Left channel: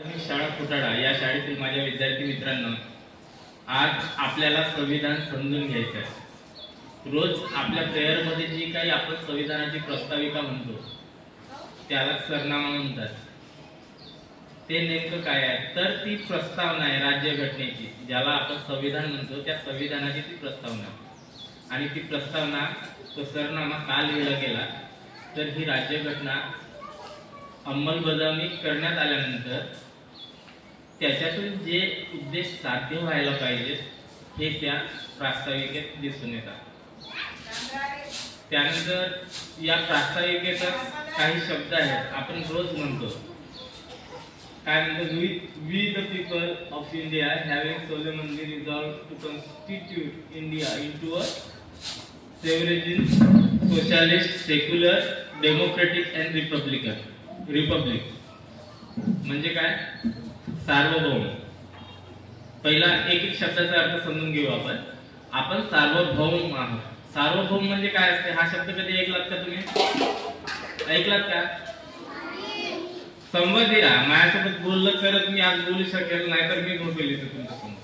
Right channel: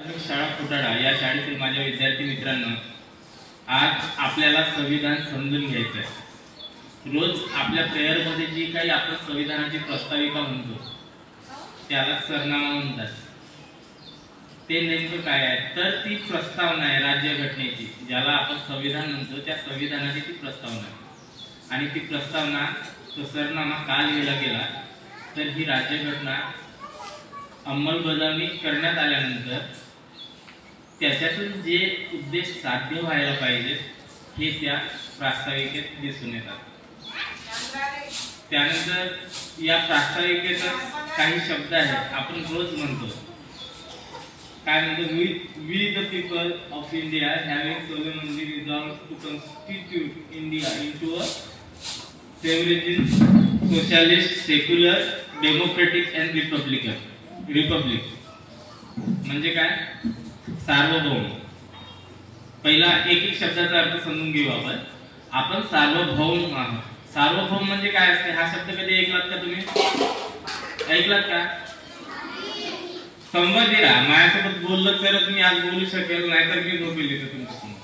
शाळा फुटाळा या शाळेतील माझ्या विद्यार्थी मित्रांनो, आज आपल्याला संविधान समजून घ्यायचं आहे। रोज आपल्या प्रेयर मध्ये जी काही आपण संविधानाची प्रस्ताविका म्हणतो त्याला सरनामा म्हणतात। ते नेमकं काय आहे तर ती प्रस्तावना आहे राज्यघटनेची, ज्याला आपण संविधान म्हणतो त्या संविधानाची ती प्रस्तावना आहे। आणि ती प्रस्तावना तो सरनामा का लिहिला गेला तर ही राज्यघटना अंमलबजावणी करण्यात आल्यानंतर त्याच्यातून जे उद्देश साध्य व्हायला पाहिजे हे त्या प्रास्ताविकेत दिसून येतात। त्यानंतर या प्रास्ताविकेत काही शब्द आहेत आपण रोज म्हणतो, काय म्हणतो, we the people of India having solemnly resolved to constitute India into a sovereign socialist secular democratic and republic म्हणजे काय, सार्वभौम। पहिला एक एक शब्दाचा अर्थ समजून घेऊ आपण सार्वभौम आहोत। सार्वभौम म्हणजे काय असते हा शब्द कधी ऐकलात का तुम्ही? ऐकलात का? संवादी राहा, माझ्यासोबत बोललं तरच मी आज बोलू शकेल, नाहीतर मी झोपेल इथं तुमच्यासमोर।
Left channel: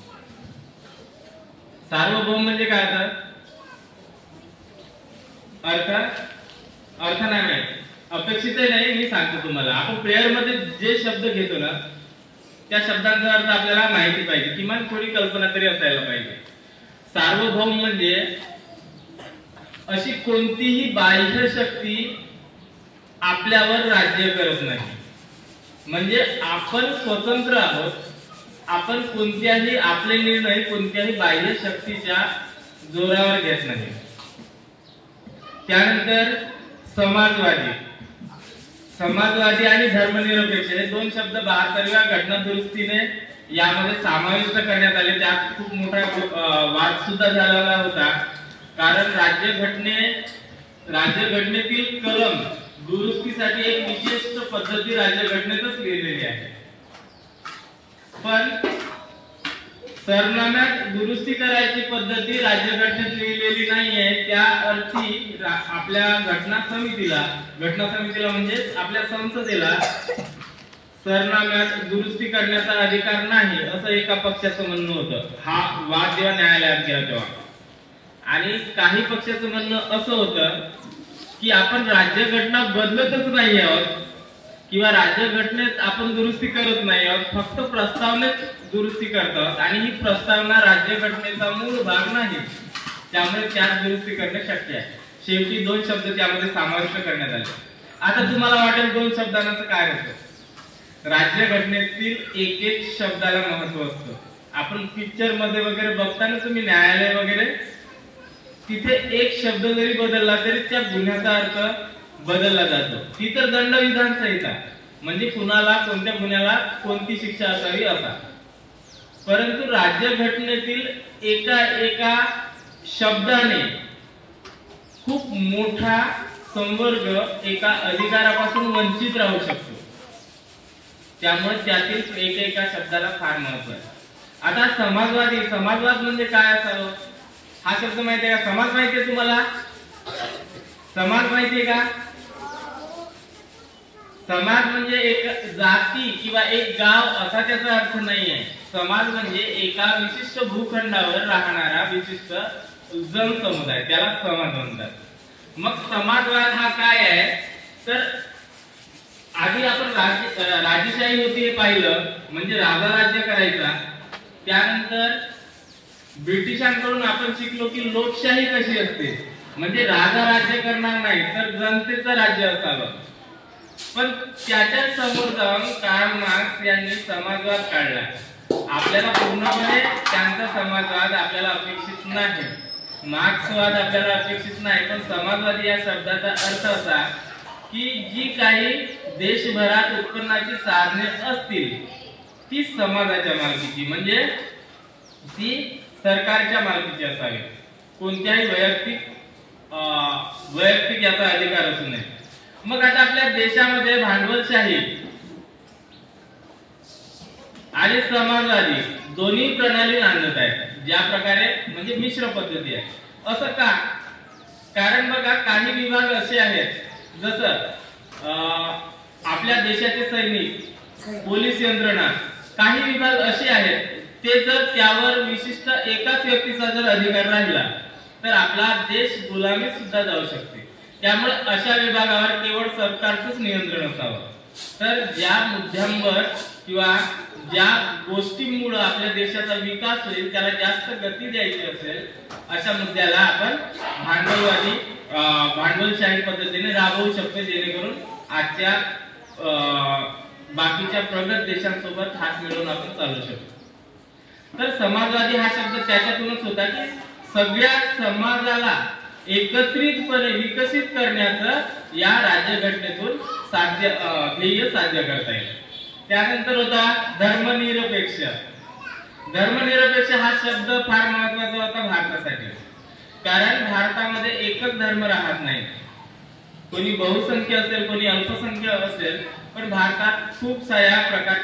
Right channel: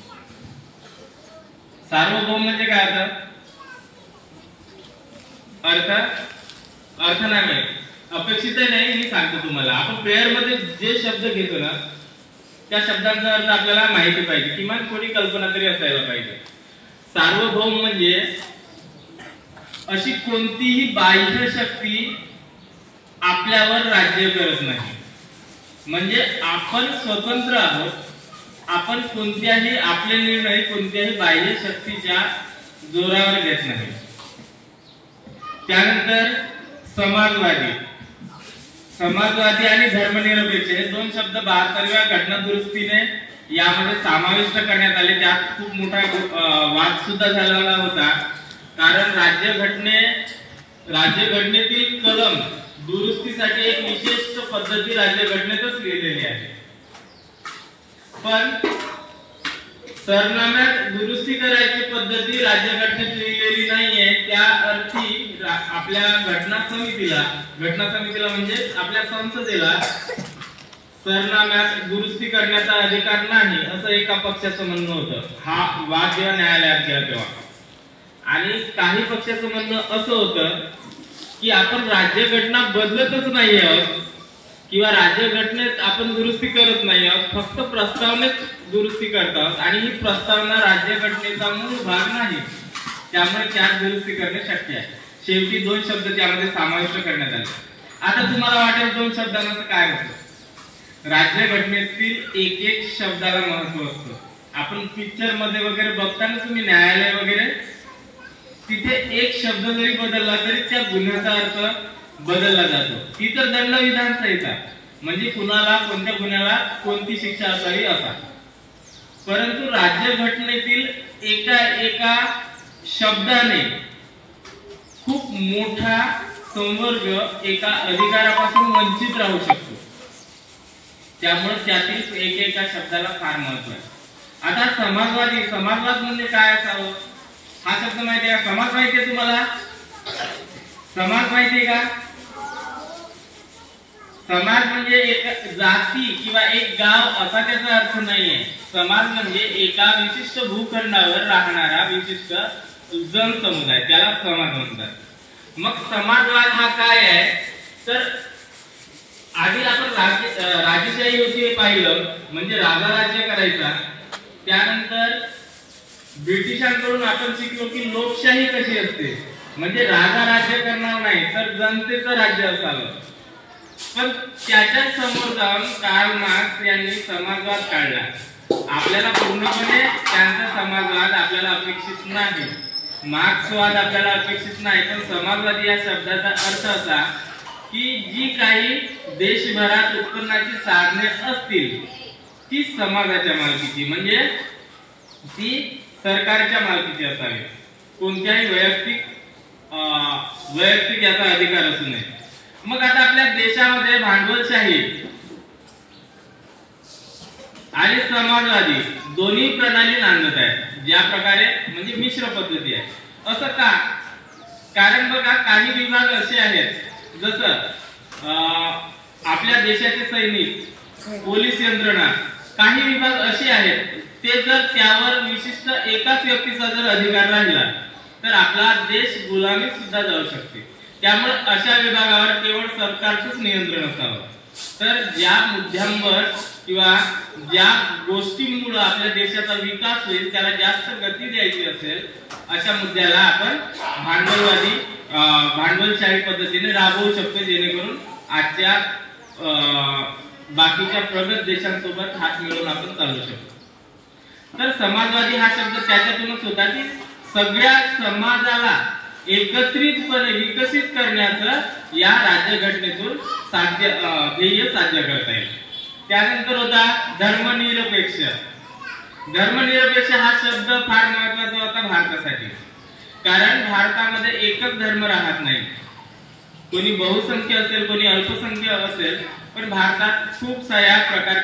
सार्वभौम म्हणजे काय अर्थ नाही माहिती, अपेक्षित नाही, मी सांगतो तुम्हाला। आपण प्रेयर मध्ये जे शब्द घेतो ना त्या शब्दांचा अर्थ आपल्याला माहिती पाहिजे, किमान थोडी कल्पना तरी असायला पाहिजे। सार्वभौम म्हणजे अशी कोणतीही बाह्य शक्ती आपल्यावर राज्य करत नाही, म्हणजे आपण स्वतंत्र आहोत। आपण कोणत्याही आपले निर्णय कोणत्याही बाह्य शक्तीच्या जोरावर घेत नाही। त्यानंतर समाजवादी आणि धर्मनिरपेक्ष हे दोन शब्द 72व्या घटना दुरुस्तीने यामध्ये समाविष्ट करण्यात आले। त्यात खूप मोठा वाद सुद्धा झालेला होता, कारण राज्यघटनेतील कलम दुरुस्तीसाठी एक विशिष्ट पद्धती राज्यघटनेतच लिहिलेली आहे, पण सरनाम्यात दुरुस्ती करायची पद्धती राज्यघटनेत लिहिलेली नाहीये। त्या अर्थी आपल्या घटना समितीला म्हणजे आपल्या संसदेला सरनाम्यात दुरुस्ती करण्याचा अधिकार नाही असं एका पक्षाचं म्हणणं होतं। हा वाद जेव्हा न्यायालयात गेला तेव्हा, आणि काही पक्षाचं म्हणणं असं होतं की आपण राज्यघटना बदलतच नाही आहोत किंवा राज्यघटनेत आपण दुरुस्ती करत नाही आहोत, फक्त प्रस्तावनेत दुरुस्ती करतात आणि ही प्रस्तावना राज्यघटनेचा मूळ भाग नाही, त्यामुळे त्यात दुरुस्ती करणे शक्य आहे। शेवटी दोन शब्द त्यामध्ये समाविष्ट करण्यात आले। आता तुम्हाला वाटेल दोन शब्दांचं काय होतं, राज्यघटनेतील एक एक शब्दाला महत्व असतं। आपण पिक्चर मध्ये वगैरे बघताना तुम्ही न्यायालय वगैरे तिथे एक शब्द जरी बदलला तरी त्या गुन्ह्याचा अर्थ बदलला जातो। ती तर दंडविधान संहिता म्हणजे कुणाला कोणत्या गुन्ह्याला कोणती शिक्षा असावी असा, परंतु राज्यघटनेतील एका शब्दाने खूप मोठा संवर्ग एका अधिकारापासून वंचित राहू शकतो, त्यामुळे त्यातील एका शब्दाला फार महत्व आहे। आता समाजवाद म्हणजे काय असावं हा शब्द माहिती आहे का? समाज माहिती आहे तुम्हाला? समाज माहिती आहे का? समाज म्हणजे एक जाती किंवा एक गाव असा त्याचा अर्थ नाहीये। समाज म्हणजे एका विशिष्ट भूखंडावर राहणारा विशिष्ट जनसमुदाय, त्याला समाज म्हणतात। मग समाजवाद हा काय आहे तर आधी आपण राजेशाही होती हे पाहिलं, म्हणजे राजा राज्य करायचा। त्यानंतर ब्रिटिशांकडून आपण शिकलो की लोकशाही कशी असते, म्हणजे राजा राज्य करणार नाही तर जनतेचं राज्य असावं। पण त्याच्या समोर जाऊन कार्ल मार्क्स यांनी समाजवाद काढला। आपल्याला पूर्णपणे त्यांचा समाजवाद आपल्याला अपेक्षित नाही, मार्क्सवाद आपल्याला अपेक्षित नाही, पण समाजवादी या शब्दाचा अर्थ असा की जी काही देशभरात उत्पन्नाची साधने असतील ती समाजाच्या मालकीची, म्हणजे ती सरकारच्या मालकीची असावी, कोणत्याही वैयक्तिक याचा अधिकार असू नये। मग आता आपल्या देशामध्ये भांडवलशाही आणि समाजवादी दोन्ही प्रणाली नांदत आहेत, ज्या प्रकारे म्हणजे मिश्र पद्धती आहे। असं का? कारण बघा काही विभाग असे आहेत, जसं आपल्या देशाचे सैनिक पोलीस यंत्रणा, काही विभाग असे आहेत ते जर त्यावर विशिष्ट एकाच व्यक्तीचा जर अधिकार राहिला तर आपला देश गुलामीत सुद्धा जाऊ शकते. त्यामुळे अशा विभागावर केवळ सरकारचंच नियंत्रण असावं. तर ज्या मुद्द्यांवर किंवा ज्या गोष्टींमुळे आपल्या देशाचा विकास होईल त्याला जास्त गती द्यायची असेल अशा मुद्द्याला आपण भांडवलशाही पद्धतीने राबवू शकतो, जेणेकरून आजच्या बाकीच्या प्रगत देशांसोबत हात मिळवून आपण चालू शकतो. तर समाजवादी हा शब्द त्याच्यातूनच होता की सगळ्या समाजाला एकत्रितपणे विकसित करण्याचं या राज्यघटनेतून ध्येय साध्य करता येईल. त्यानंतर होता धर्मनिरपेक्ष. धर्मनिरपेक्ष हा शब्द फार महत्वाचा होता भारतासाठी, कारण भारतामध्ये एकच धर्म राहत नाही. कोणी बहुसंख्य असेल, कोणी अल्पसंख्य असेल, पण भारतात खूप साऱ्या प्रकारचे